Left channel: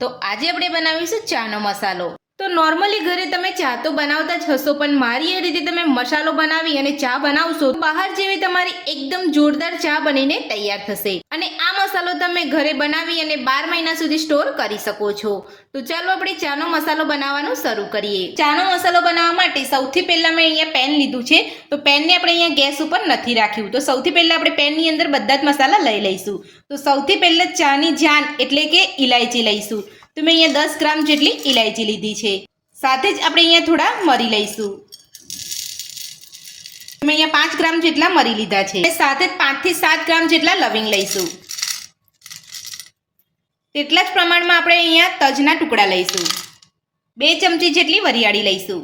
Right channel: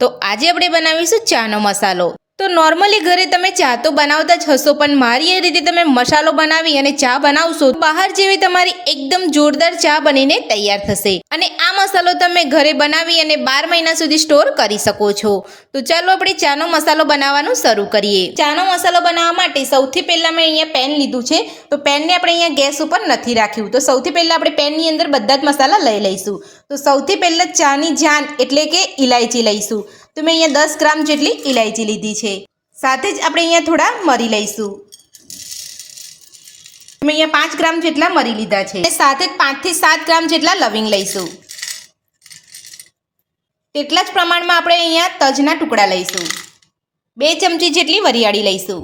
તો આજે આપણે બનાવીશું ચાનો મસાલો। તો નોર્મલી ઘરે તમે ચા તો બનાવતા જ હશો, પણ મારી એ રીતે તમે મસાલો બનાવી અને ચા બનાવશો તો બહાર જેવી તમારી એકદમ જોરદાર ચા બનીને તૈયાર થશે। અને આ મસાલો તમે ઘરે બનાવી અને 12 મહિના સુધી સ્ટોર કરી શકો છો। તો ચાલો આપણે ચાનો મસાલો બનાવવાનું શરૂ કરીએ। ચાનો મસાલો બનાવવા માટે સૌથી પહેલા મેં અહીંયા પેન લીધું છે। તો પેનને આપણે અહીંયા ગેસ ઉપર નથી રાખ્યું, તો સૌથી પહેલા આપણે પેનની અંદર બધા જ મસાલા લઈ લઈશું। તો સૌથી પહેલા ચાની જાન એટલે કે ઇલાયચી લઈશું। તો મેં અહીંયા 10 ગ્રામ જેટલી ઇલાયચી લીધી છે। સાથે જ આપણે અહીંયા થોડા મરી લઈશું। મેં અહીંયા 5 ગ્રામ જેટલા મરી લીધા છે। સાથે જ 5 થી 7 ગ્રામ જેટલા લવિંગ લઈશું। તેટલા જ પ્રમાણમાં આપણે અહીંયા તજના ટુકડા લઈશું। 2 ચમચી જેટલી વરિયાળી લઈશું।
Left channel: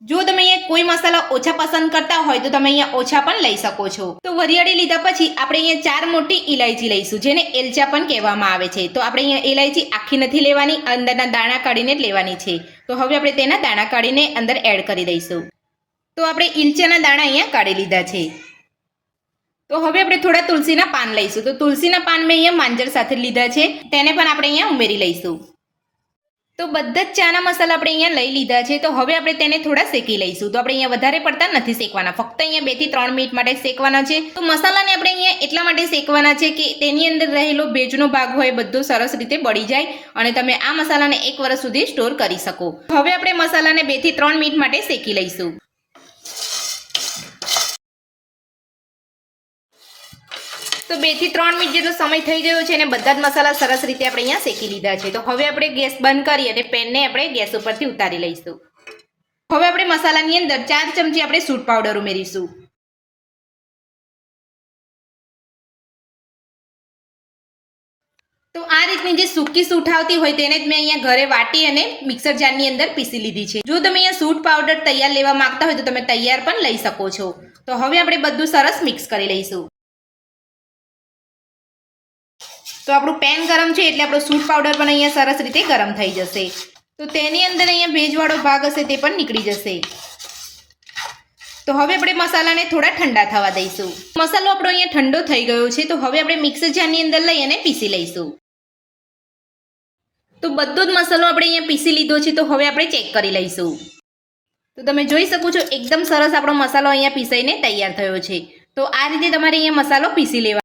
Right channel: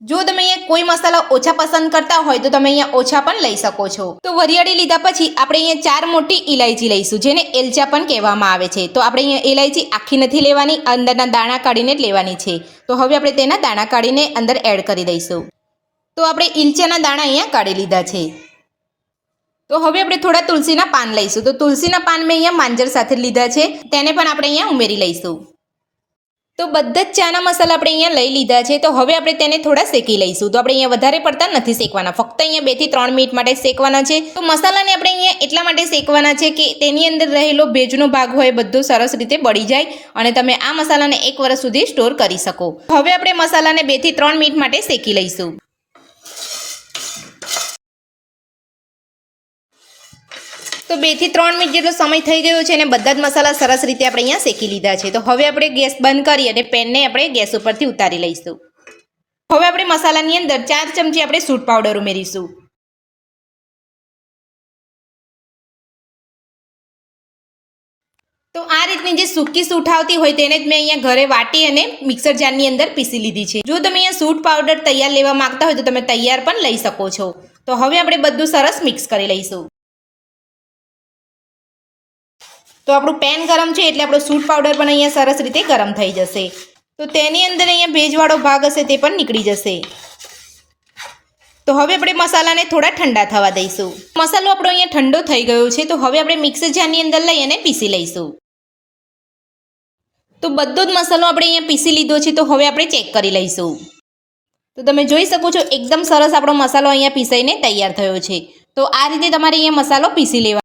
જો તમે અહીંયા કોઈ મસાલા ઓછા પસંદ કરતા હોય તો તમે અહીંયા ઓછા પણ લઈ શકો છો। તો વરિયાળી લીધા પછી આપણે અહીંયા 4 મોટી ઇલાયચી લઈશું, જેને એલચા પણ કહેવામાં આવે છે। તો આપણે અહીંયા ઇલાયચી આખી નથી લેવાની, અંદરના દાણા કાઢીને જ લેવાની છે। તો હવે આપણે તેના દાણા કાઢીને અંદર એડ કરી દઈશું। તો આપણે ઇલચાના દાણા અહીંયા કાઢી લીધા છે। તો હવે આપણે થોડા તુલસીના પાન લઈશું। તો તુલસીના પાન મેં અહીંયા માંજર સાથે લીધા છે, તેને પણ આપણે અહીંયા ઉમેરી લઈશું। તો બધા જ ચાના મસાલા આપણે અહીંયા લઈ લીધા છે। તો હવે આપણે તેને થોડા શેકી લઈશું। તો આપણે અહીંયા વધારે પડતા નથી શેકવાના, ફક્ત અહીંયા 2 થી 3 મિનિટ માટે શેકવાના છે। તો મસાલાને આપણે અહીંયા એટલા માટે શેકવાના છે કે તેની અંદર રહેલો ભેજનો ભાગ હોય બધો સરસ રીતે બળી જાય અને તમે આ મસાલાને 1 વર્ષ સુધી સ્ટોર કરી શકો। હવે આપણે મસાલાને 2 થી 3 મિનિટ માટે શેકી લઈશું। તો 2 થી 3 મિનિટ જેટલો સમય થઈ ગયો છે અને બધા જ મસાલા સરસ રીતે આપણે અહીંયા શેકી લીધા છે। તો હવે આપણે ગેસ બંધ કરી અને પેનને આપણે ગેસ ઉપરથી ઉતારી લઈશું। હવે આપણે મસાલાની અંદર 4 ચમચી આપણે સૂંઠ પાવડર ઉમેરીશું। તો આ રીતની જે સૂકી સૂંઠ આવતી હોય તેને જ મેં અહીંયા ઘરે વાટી અને મિક્સર જારની અંદર પીસી લીધી છે। જો તમે અહીંયા સૂંઠ પાવડર તૈયાર લેવા માંગતા હોય તો તમે તૈયાર પણ લઈ શકો છો। તો હવે આપણે બધું સરસ મિક્સ કરી લઈશું। તો આપણું પેન ગરમ છે એટલે આપણો સૂંઠ પાવડર પણ અહીંયા સરસ રીતે ગરમ થઈ જશે। તો તેની અંદર અહીંયા ભેજવાળો ભાગ હશે તે પણ નીકળી જશે। તો હવે આપણે મસાલાને થોડા ઠંડા થવા દઈશું। મસાલો આપણો અહીંયા ઠંડો થઈ ગયો છે। તો હવે આપણે મિક્સર જારની અંદર લઈ અને પીસી લઈશું। તો બધો જ મસાલો આપણે અહીંયા પીસી લીધો છે। તો હવે આપણે ચેક કરી લઈશું। તો તમે જોઈ શકો છો એકદમ સરસ આપણો મસાલો અહીંયા પીસાઈને તૈયાર થયો છે। તો આ રીતે તમારે અહીંયા મસાલો પીસી લેવાનો।